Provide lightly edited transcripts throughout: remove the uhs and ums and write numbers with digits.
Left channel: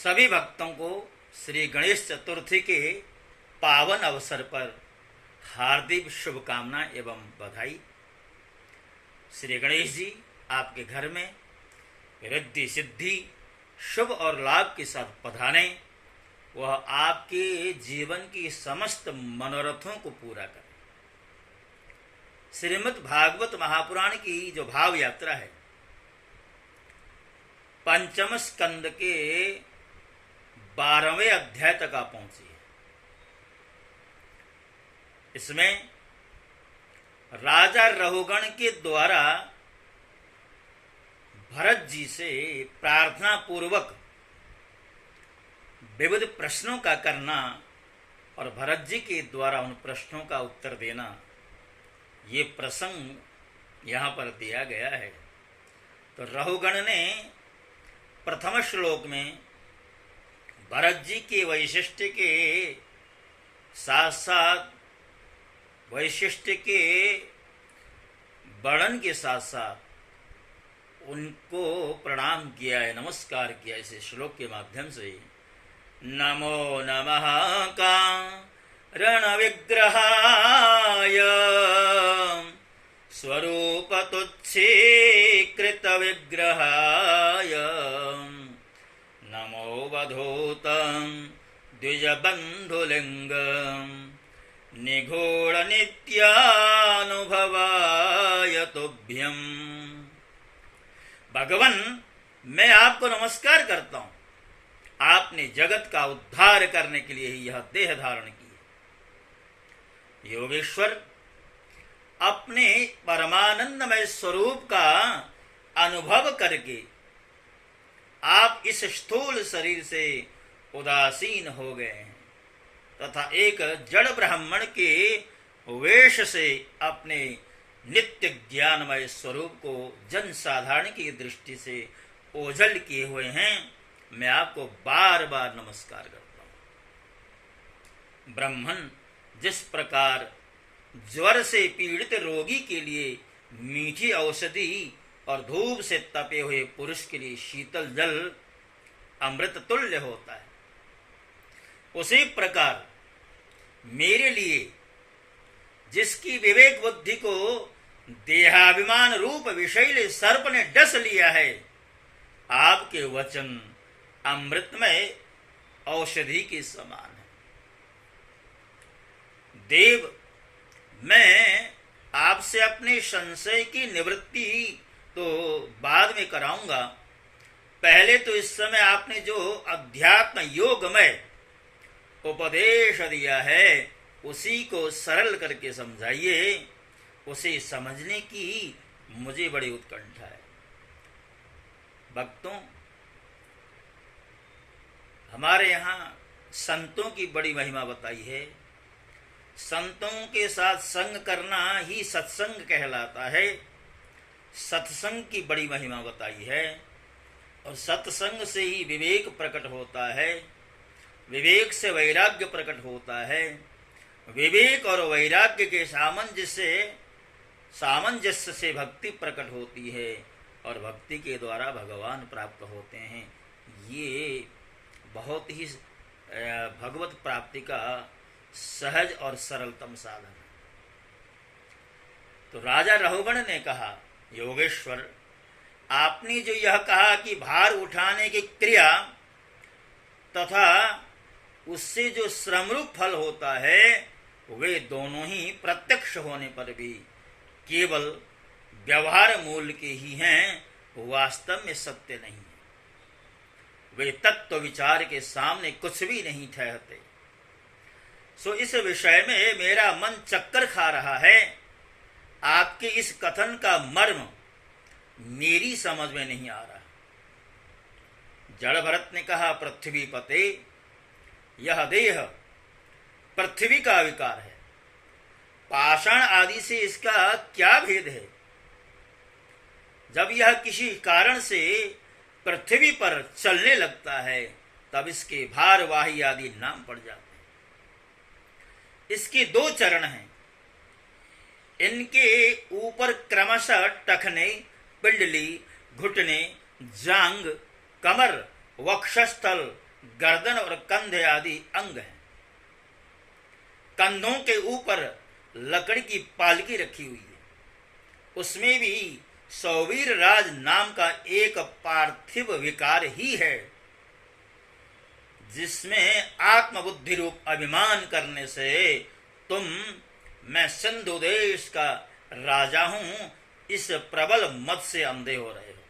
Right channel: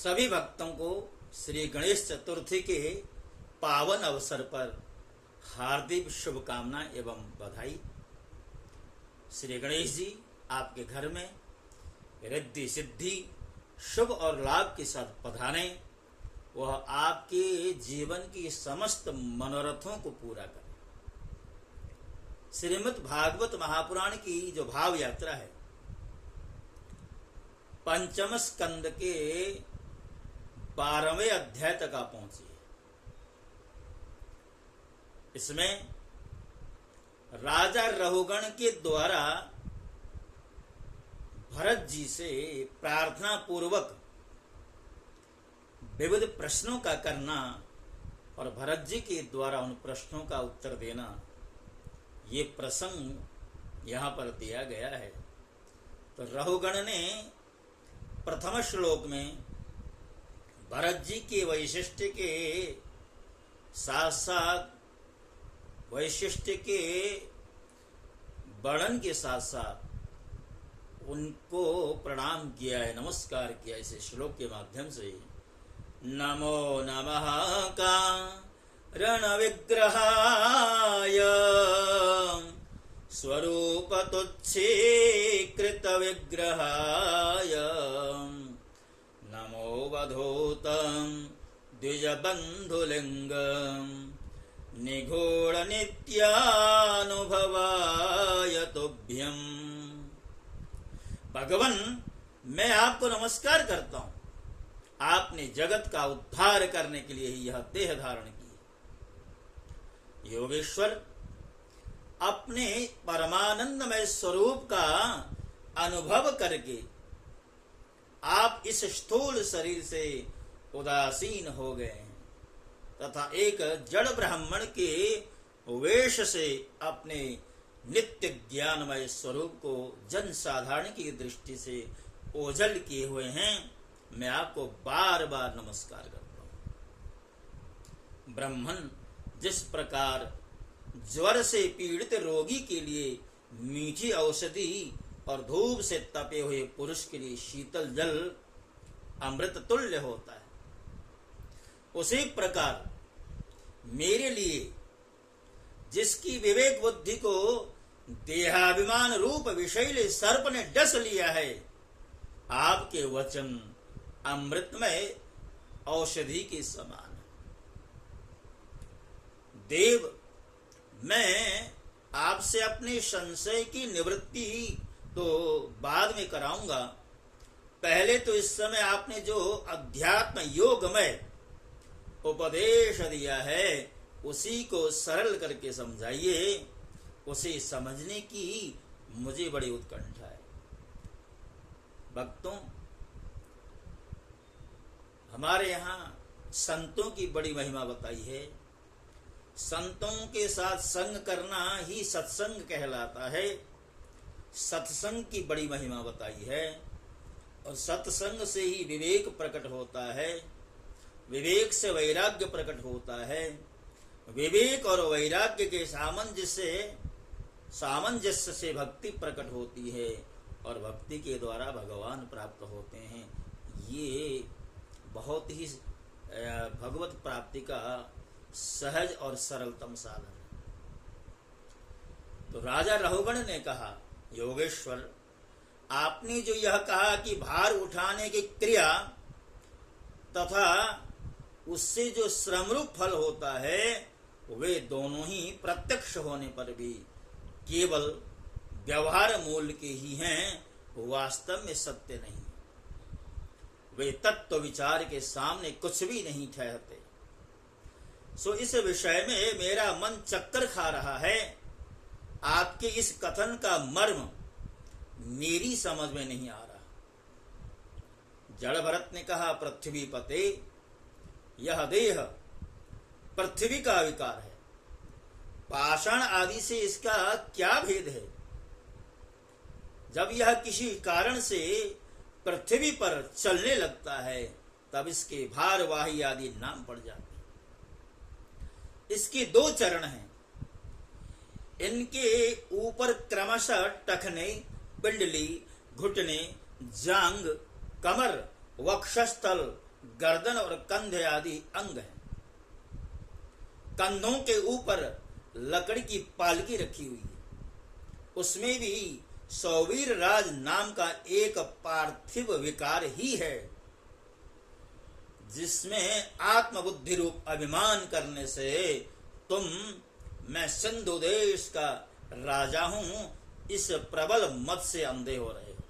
सभी भक्तों को श्री गणेश चतुर्थी के पावन अवसर पर हार्दिक शुभकामना एवं बधाई। श्री गणेश जी आपके घर में रिद्धि सिद्धि शुभ और लाभ के साथ पधारे, वह आपके जीवन की समस्त मनोरथों को पूरा करे। श्रीमद् भागवत महापुराण की जो भाव यात्रा है, पंचम स्कंद के 12वें अध्याय तक आ पहुंची है। इसमें राजा रहुगण के द्वारा भरत जी से प्रार्थना पूर्वक विविध प्रश्नों का करना और भरत जी के द्वारा उन प्रश्नों का उत्तर देना, ये प्रसंग यहाँ पर दिया गया है। तो रहुगण ने प्रथम श्लोक में भरत जी के वैशिष्ट्य के साथ साथ वैशिष्ट्य के वर्णन के साथ साथ उनको प्रणाम किया है, नमस्कार किया इस श्लोक के माध्यम से। नमो नमः कारण विग्रहाय स्वरूप तुच्छीकृत विग्रहाय नमो वधूतं द्विजबन्धुलिङ्गं निगूढ़ नित्यानुभवाय तुभ्यम्। भगवान, मैं आपको नमस्कार करता हूं। आपने जगत का उद्धार करने के लिए ही यह देह धारण की है। योगेश्वर, अपने परमानंदमय स्वरूप का अनुभव करके आप इस स्थूल शरीर से उदासीन हो गए हैं तथा एक जड़ ब्राह्मण के वेश से अपने नित्य ज्ञानमय स्वरूप को जन साधारण की दृष्टि से ओझल किए हुए हैं। मैं आपको बार बार नमस्कार करता हूं। ब्राह्मण जिस प्रकार ज्वर से पीड़ित रोगी के लिए मीठी औषधि और धूप से तपे हुए पुरुष के लिए शीतल जल अमृत तुल्य होता है, उसी प्रकार मेरे लिए जिसकी विवेक बुद्धि को देहाभिमान रूप विषैले सर्प ने डस लिया है, आपके वचन अमृतमय औषधि के समान है। देव, मैं आपसे अपने संशय की निवृत्ति तो बाद में कराऊंगा। पहले तो इस समय आपने जो अध्यात्म योगमय उपदेश दिया है उसी को सरल करके समझाइए। उसे समझने की मुझे बड़ी उत्कंठा है। भक्तों, हमारे यहाँ संतों की बड़ी महिमा बताई है। संतों के साथ संग करना ही सत्संग कहलाता है। सत्संग की बड़ी महिमा बताई है और सत्संग से ही विवेक प्रकट होता है, विवेक से वैराग्य प्रकट होता है, विवेक और वैराग्य के सामंजस्य से भक्ति प्रकट होती है और भक्ति के द्वारा भगवान प्राप्त होते हैं। ये बहुत ही भगवत प्राप्ति का सहज और सरलतम साधन है। तो राजा रहुगण ने कहा, योगेश्वर, आपने जो यह कहा कि भार उठाने की क्रिया तथा उससे जो श्रमरूप फल होता है, वे दोनों ही प्रत्यक्ष होने पर भी केवल व्यवहार मूल के ही हैं, वास्तव में सत्य नहीं है। वे तत्व विचार के सामने कुछ भी नहीं ठहरते। सो इस विषय में मेरा मन चक्कर खा रहा है। आपके इस कथन का मर्म मेरी समझ में नहीं आ रहा। जड़ भरत ने कहा, पृथ्वी पते, यह देह पृथ्वी का विकार है। पाषाण आदि से इसका क्या भेद है? जब यह किसी कारण से पृथ्वी पर चलने लगता है तब इसके भारवाही आदि नाम पड़ जाते हैं। इसके दो चरण हैं। इनके ऊपर क्रमशः टखने, पिंडली, घुटने, जांग, कमर, वक्षस्थल, गर्दन और कंधे आदि अंग हैं। कंधों के ऊपर लकड़ी की पालकी रखी हुई है, उसमें भी सौवीर राज नाम का एक पार्थिव विकार ही है, जिसमें आत्मबुद्धि रूप अभिमान करने से तुम मैं सिंधु देश का राजा हूं इस प्रबल मत से अंधे हो रहे हो,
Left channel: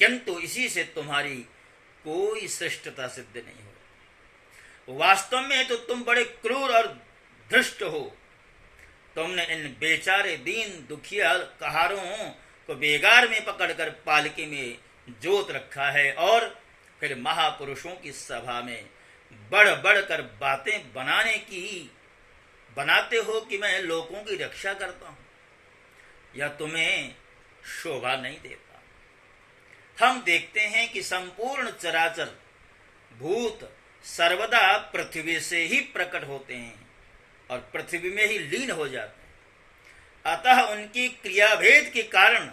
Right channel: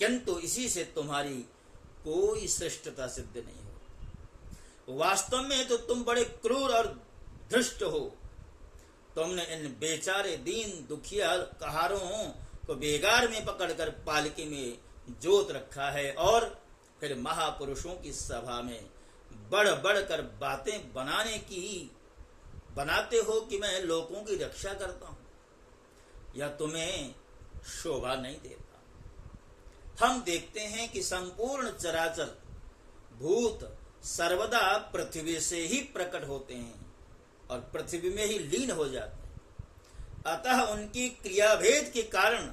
किंतु इसी से तुम्हारी कोई श्रेष्ठता सिद्ध नहीं हो। वास्तव में तो तुम बड़े क्रूर और धृष्ट हो। तुमने इन बेचारे दीन दुखिया कहारों को बेगार में पकड़कर पालकी में जोत रखा है और फिर महापुरुषों की सभा में बढ़ बढ़ कर बातें बनाते हो कि मैं लोगों की रक्षा करता हूं। यह तुम्हें शोभा नहीं देता। हम देखते हैं कि संपूर्ण चराचर भूत सर्वदा पृथ्वी से ही प्रकट होते हैं और पृथ्वी में ही लीन हो जाते हैं। अतः उनकी क्रियाभेद के कारण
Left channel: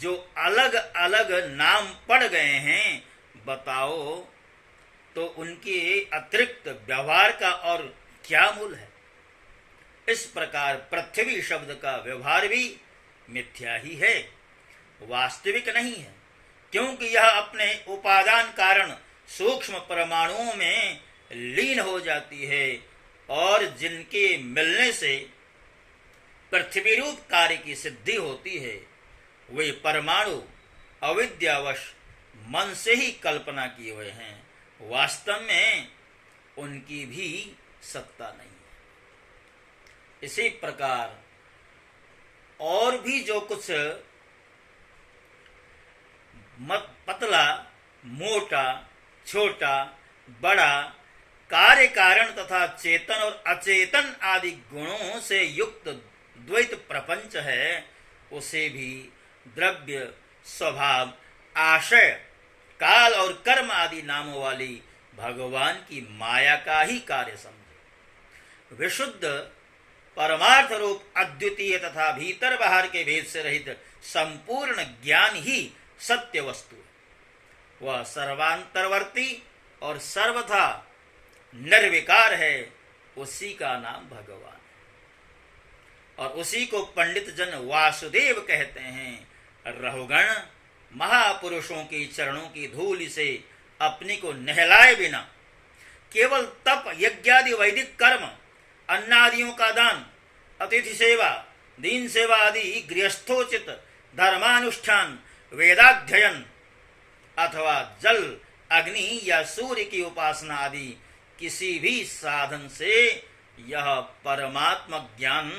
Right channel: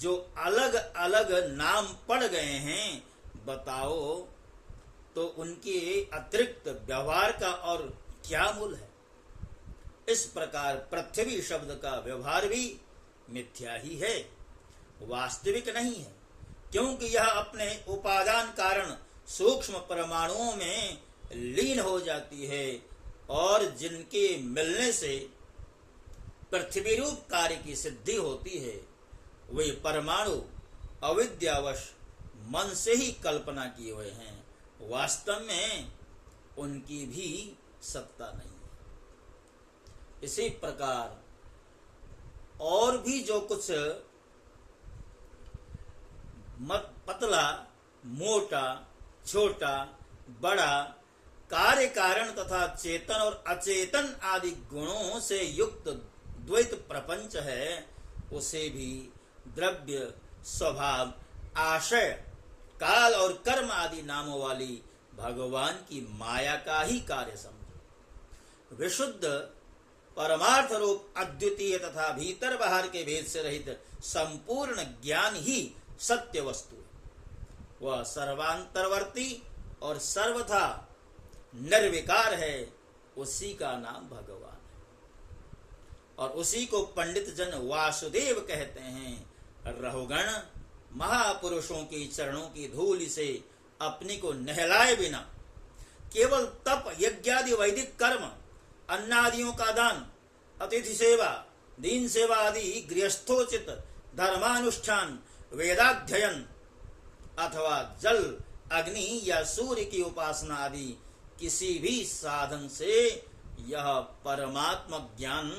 जो अलग अलग नाम पड़ गए हैं, बताओ तो उनके अतिरिक्त व्यवहार का और क्या मूल है। इस प्रकार पृथ्वी शब्द का व्यवहार भी मिथ्या ही है, वास्तविक नहीं है, क्योंकि यह अपने उपादान कारण सूक्ष्म परमाणुओं में लीन हो जाती है और जिनके मिलने से पृथ्वी रूप कार्य की सिद्धि होती है, वे परमाणु अविद्यावश मन से ही कल्पना किए हुए हैं, वास्तव में उनकी भी सत्ता नहीं है। इसी प्रकार और भी जो कुछ पतला मोटा छोटा बड़ा कार्य कारण तथा चेतन और अचेतन आदि गुणों से युक्त द्वैत प्रपंच है, उसे भी द्रव्य स्वभाव आशय काल और कर्म आदि नामों वाली भगवान की माया का ही कार्य समझो। विशुद्ध परमार्थ रूप अद्वितीय तथा भीतर बाहर के भेद से रहित संपूर्ण ज्ञान ही सत्य वस्तु है। वह सर्वांतरवर्ती और सर्वथा निर्विकार है, उसी का नाम भगवान है और उसी को पंडित जन वासुदेव कहते हैं। रहुगण महापुरुषों के चरणों की धूलि से अपने को नहलाए बिना केवल तप यज्ञादि वैदिक कर्म अन्नादियों का दान अतिथि सेवा दीन सेवा आदि गृहस्थोचित धर्मानुष्ठान वेदाध्ययन अथवा जल अग्नि या सूर्य की उपासना आदि किसी भी साधन से यह परमात्मा ज्ञान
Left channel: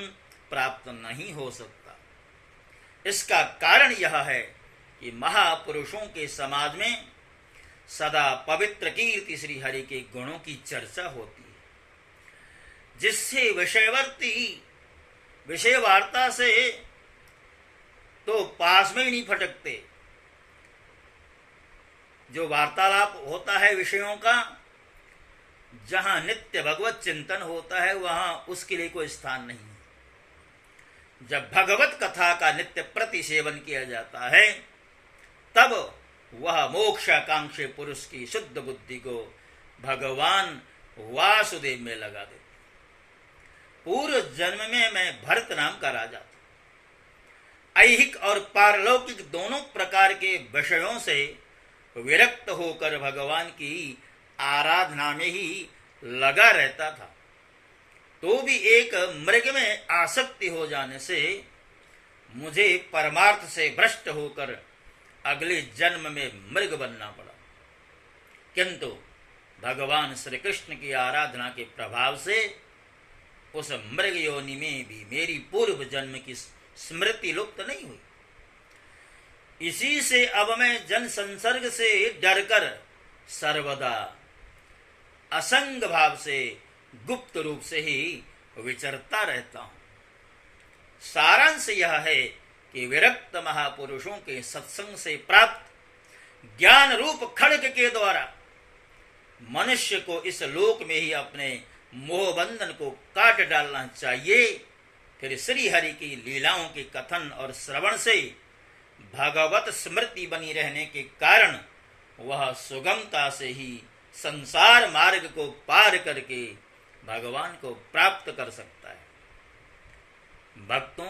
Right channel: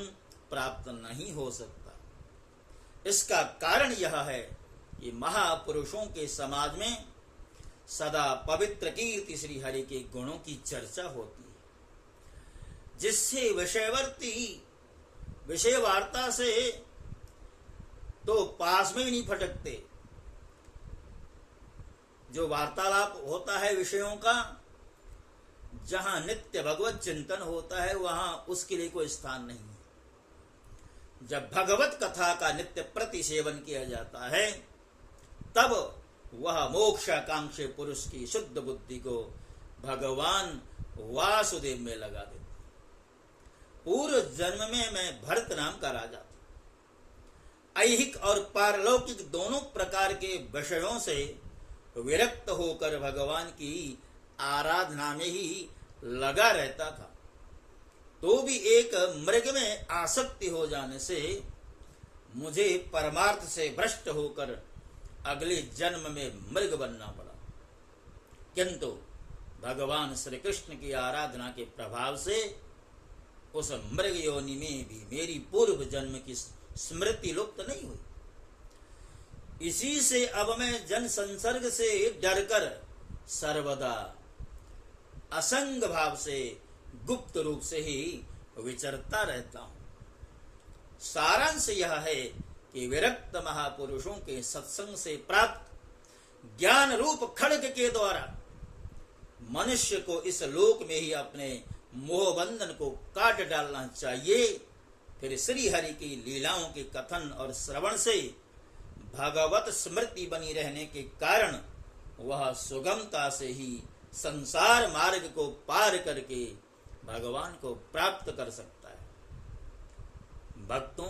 प्राप्त नहीं हो सकता। इसका कारण यह है कि महापुरुषों के समाज में सदा पवित्र कीर्ति श्री हरि के गुणों की चर्चा होती है, जिससे विषय वार्ता से तो पास में ही नहीं फटकते। जो वार्तालाप होता है विषयों का, जहां नित्य भगवत चिंतन होता है, वहां उसके लिए कोई स्थान नहीं है। जब भगवत कथा का नित्य प्रति सेवन किया जाता है, तब वह मोक्षाकांक्षी पुरुष की शुद्ध बुद्धि को भगवान वासुदेव में लगा देते। पूर्व जन्म में मैं भरत नाम का राजा था। ऐहिक और पारलौकिक दोनों प्रकार के विषयों से विरक्त होकर भगवान की आराधना में ही लगा रहता था, तो भी एक मृग में आसक्ति हो जाने से मुझे परमार्थ से भ्रष्ट होकर अगले जन्म में मृग बनना पड़ा। किंतु भगवान श्री कृष्ण की आराधना के प्रभाव से उस मृग योनि में भी मेरी पूर्व जन्म की स्मृति लुप्त नहीं हुई। इसी से अब मैं जन संसर्ग से डरकर सर्वदा असंग भाव से गुप्त रूप से ही विचरता रहता हूं। सारांश यह है कि विरक्त महापुरुषों के सत्संग से प्राप्त ज्ञान रूप खड्ग के द्वारा मनुष्य को इस लोक में ही अपने मोह बंधन को काट डालना चाहिए। फिर श्री हरि की लीलाओं के कथन और श्रवण से भगवत स्मृति बनी रहने के कारण वह सुगमता से ही संसार मार्ग को पार करके भगवान को प्राप्त कर सकता है। भक्तों,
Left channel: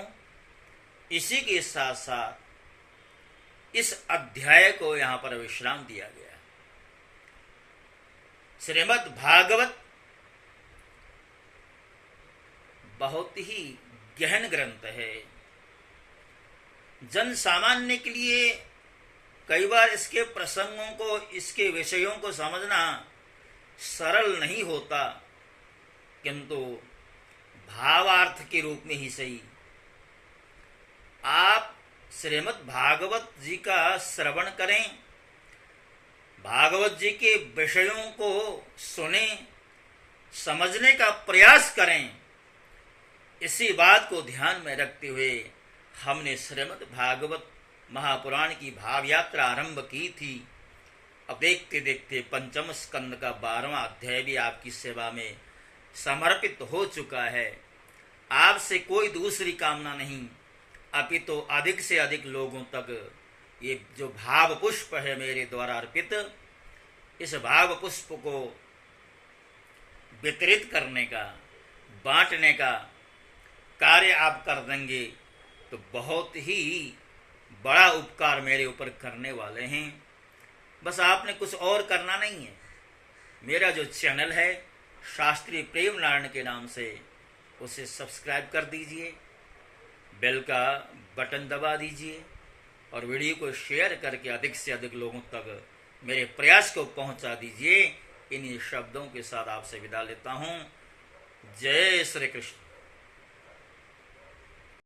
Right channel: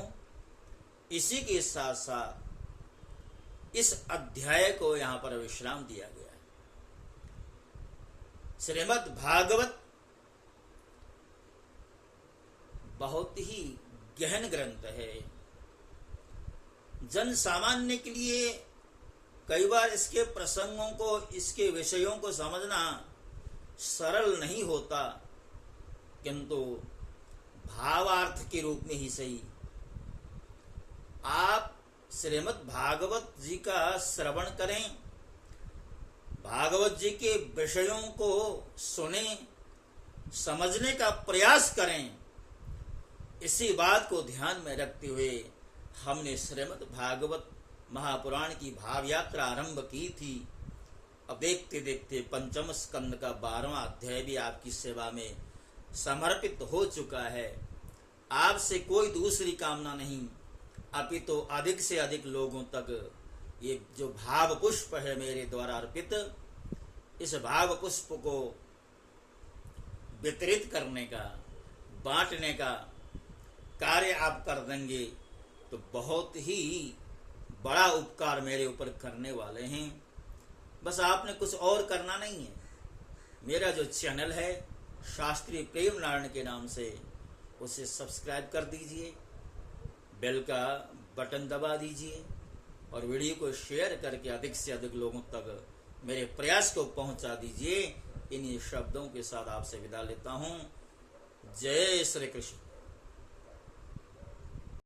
इसी के साथ साथ इस अध्याय को यहाँ पर विश्राम दिया गया। श्रीमद् भागवत बहुत ही गहन ग्रंथ है। जन सामान्य के लिए कई बार इसके प्रसंगों को, इसके विषयों को समझना सरल नहीं होता, किंतु भावार्थ के रूप में ही सही आप श्रीमद् भागवत जी का श्रवण करें, भागवत जी के विषयों को सुने, समझने का प्रयास करें। इसी बात को ध्यान में रखते हुए हमने श्रीमद् भागवत महापुराण की भाव यात्रा आरंभ की थी। अब देखते देखते पंचम स्कंद का 12वां अध्याय भी आपकी सेवा में समर्पित हो चुका है। आपसे कोई दूसरी कामना नहीं, अपितु तो अधिक से अधिक लोगों तक ये जो भाव पुष्प है मेरे द्वारा अर्पित, इस भाव पुष्प को वितरित करने का, बांटने का कार्य आप कर देंगे तो बहुत ही बड़ा उपकार मेरे ऊपर करने वाले हैं। बस आपने कुछ और करना नहीं है। मेरा जो चैनल है शास्त्री प्रेम नारायण के नाम से, उसे सब्सक्राइब कर दीजिए, बेल का बटन दबा दीजिए और वीडियो को शेयर करके अधिक से अधिक लोगों तक मेरे प्रयास को पहुंचा दीजिए। इन्हीं शब्दों के साथ आपसे विदा लेता हूं। जय श्री कृष्ण।